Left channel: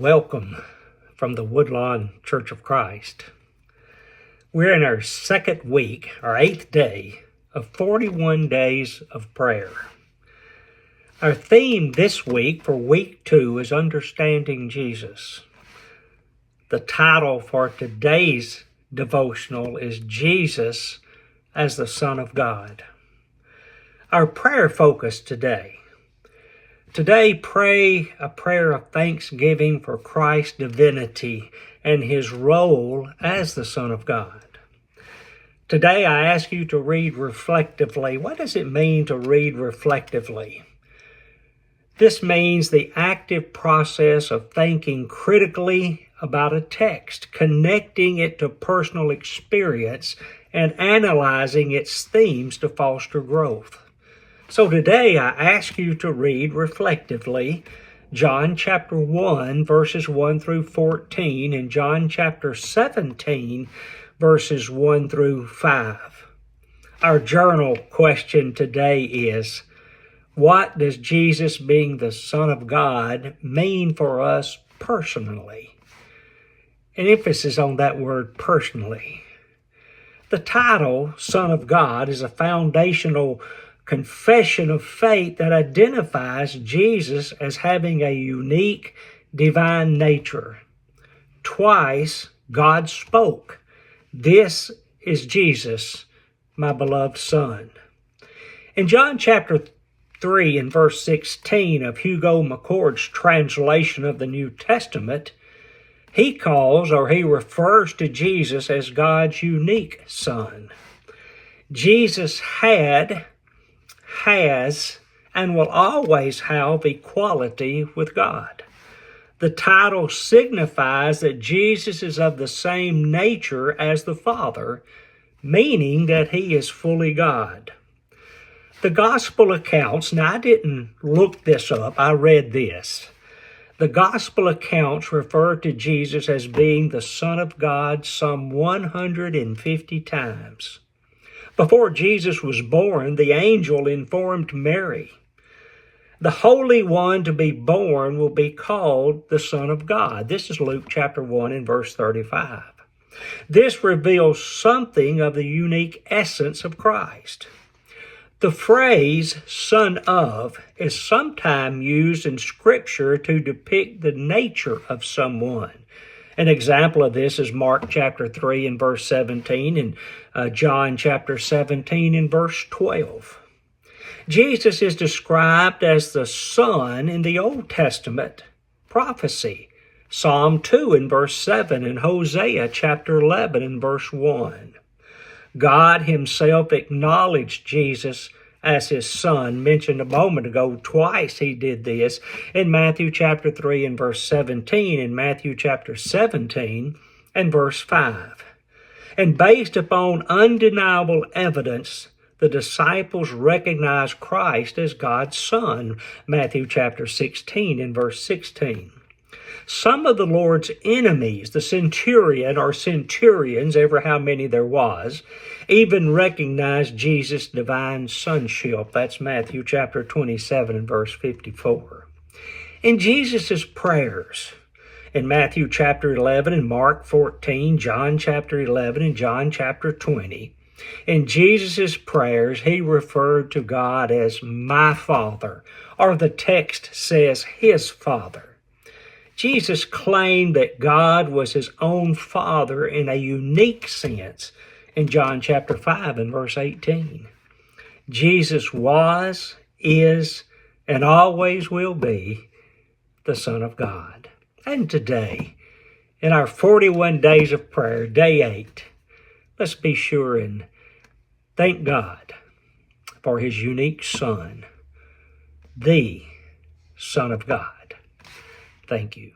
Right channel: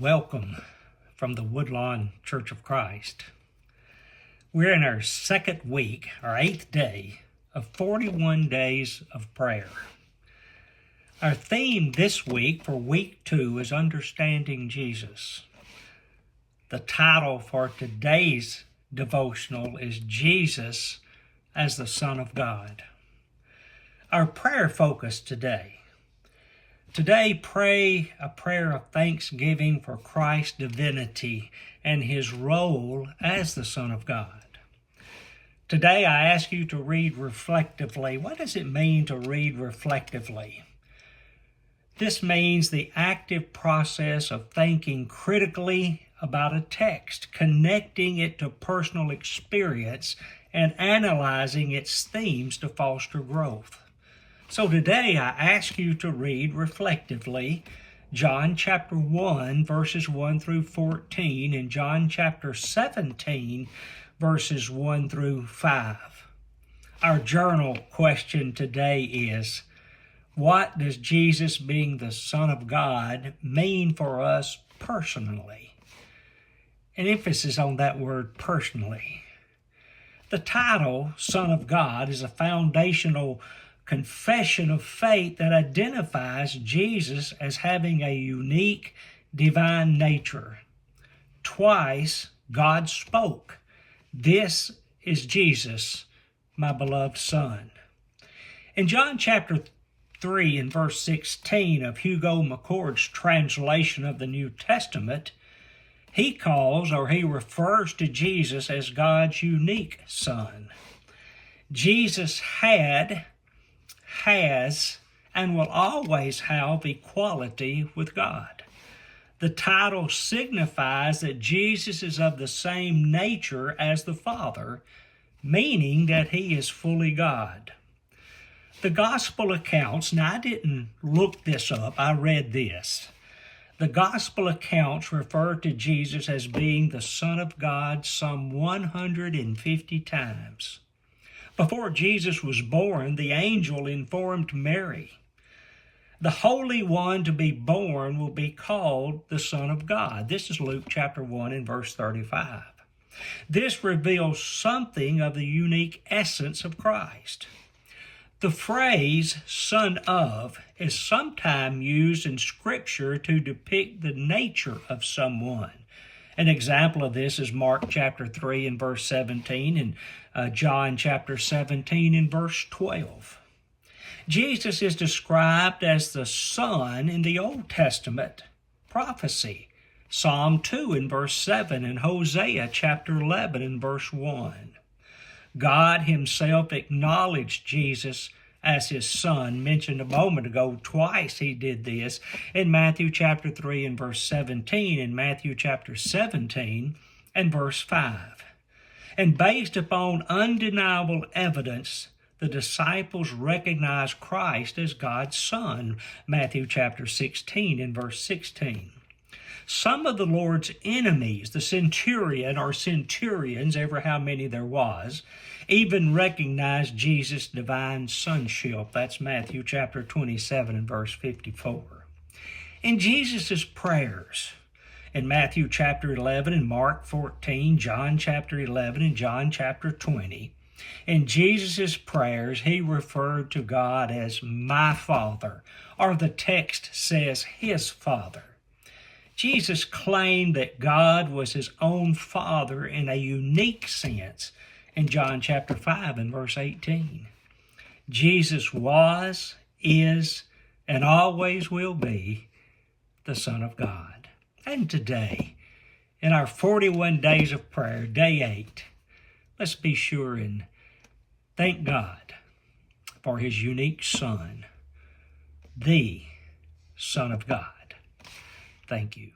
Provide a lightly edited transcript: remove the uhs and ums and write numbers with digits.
Welcome from the Woodlawn Church of Christ. We're in our second week, our 8th day of 41 days of prayer. Our theme this week for week 2 is Understanding Jesus. The title for today's devotional is Jesus as the Son of God. Our prayer focus today. Today, pray a prayer of thanksgiving for Christ's divinity and his role as the Son of God. Today, I ask you to read reflectively. What does it mean to read reflectively? This means the active process of thinking critically about a text, connecting it to personal experience, and analyzing its themes to foster growth. So today I ask you to read reflectively John chapter 1 verses 1 through 14 and John chapter 17 verses 1 through 5. Our journal question today is, what does Jesus being the Son of God mean for us personally? An emphasis on that word personally. The title, Son of God, is a foundational confession of faith that identifies Jesus as having a unique divine nature. Twice, God spoke, "This is Jesus, my beloved Son." In John chapter 3 and verse 16 of Hugo McCord's translation of the New Testament, he refers to Jesus as God's unique Son. Jesus has, and will always have equality with God. The title signifies that Jesus is of the same nature as the Father, meaning that he is fully God. The gospel accounts, now I didn't look this up, I read this. The gospel accounts refer to Jesus as being the Son of God some 150 times. Before Jesus was born, the angel informed Mary, "The Holy One to be born will be called the Son of God." This is Luke chapter 1 and verse 35. This reveals something of the unique essence of Christ. The phrase "son of" is sometimes used in Scripture to depict the nature of someone. An example of this is Mark chapter 3 and verse 17 and John chapter 17 and verse 12. Jesus is described as the Son in the Old Testament prophecy. Psalm 2 and verse 7 and Hosea chapter 11 and verse 1. God himself acknowledged Jesus as his Son, mentioned a moment ago. Twice he did this in Matthew chapter 3 and verse 17 and Matthew chapter 17 and verse 5. And based upon undeniable evidence, the disciples recognized Christ as God's Son, Matthew chapter 16 and verse 16. Some of the Lord's enemies, the centurion or centurions, ever how many there was, even recognized Jesus' divine sonship. That's Matthew chapter 27 and verse 54. In Jesus' prayers, in Matthew chapter 11 and Mark 14, John chapter 11 and John chapter 20, in Jesus' prayers, he referred to God as my Father, or the text says his Father. Jesus claimed that God was his own Father in a unique sense in John chapter 5 and verse 18. Jesus was, is, and always will be the Son of God. And today, in our 41 days of prayer, day 8, let's be sure and thank God for his unique Son, the Son of God. Thank you.